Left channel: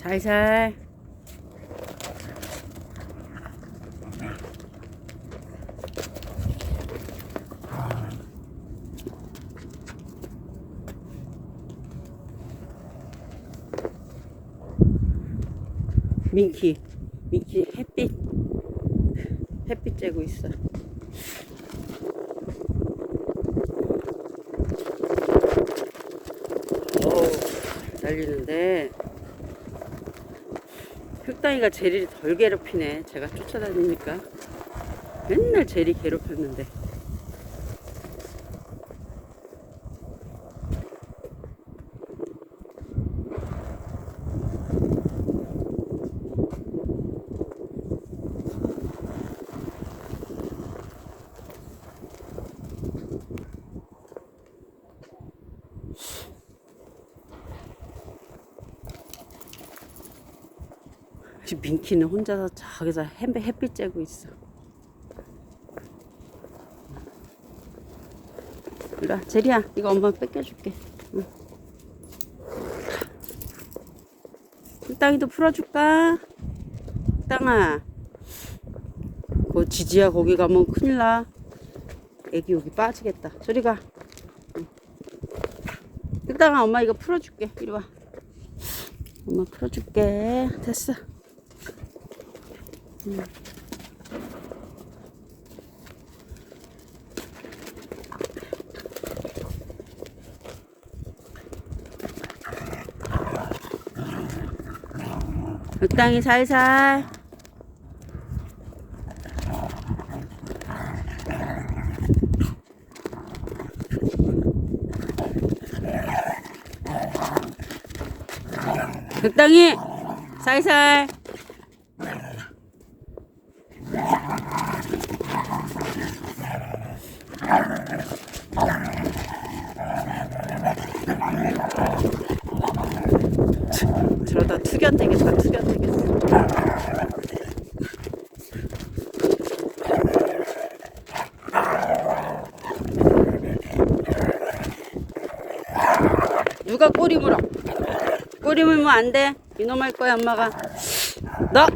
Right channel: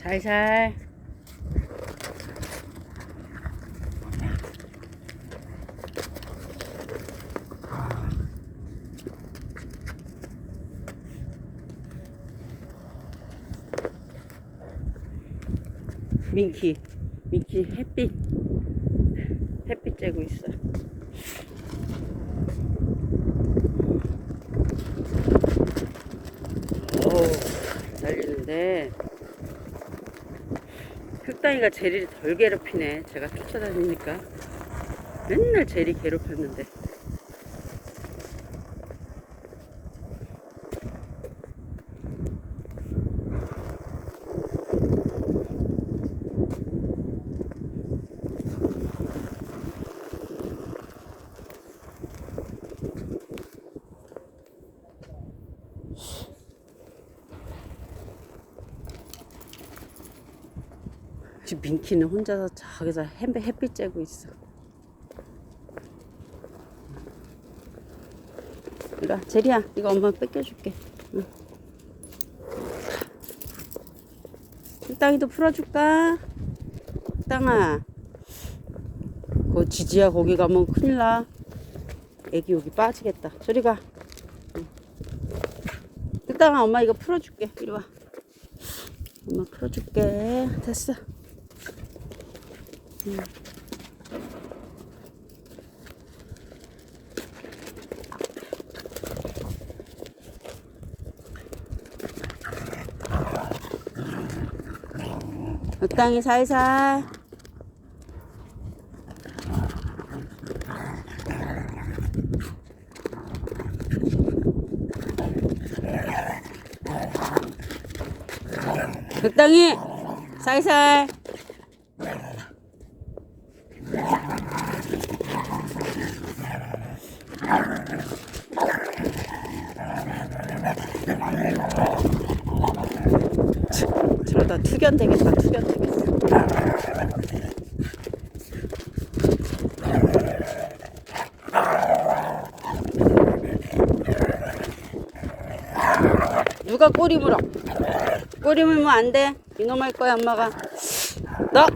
살살. 민키, 민키 햇빛, 햇빛 쬐고 있어. 오, 달리는데 흑당이가 제리를 덜 괴롭히네. 제가 쫓아다니니까 맨날 제리 괴롭혔는데. 지금 민키는 혼자서 저기서 햇- 햇빛 쬐고 있어. 와, 제리야, 이거 엄마 뺏겨줄게. 응. 땅이도 풀어줄까? 땅아, 그 지지야 거기 가면 큰일 나. 애기 여기 빠지겠다. 저리 가. 응. 땅아, 엄마 이거 풀어줄게. 이리 와. 엄마 풀어줄게. 됐어. 적당히 살살. 적당히 살살. 저러다 투견 되겠다, 투견 되겠어. 누가 꼬리 물어? 꼬리 물면 안 돼. 이놈 할 거야, 엄마가. 너!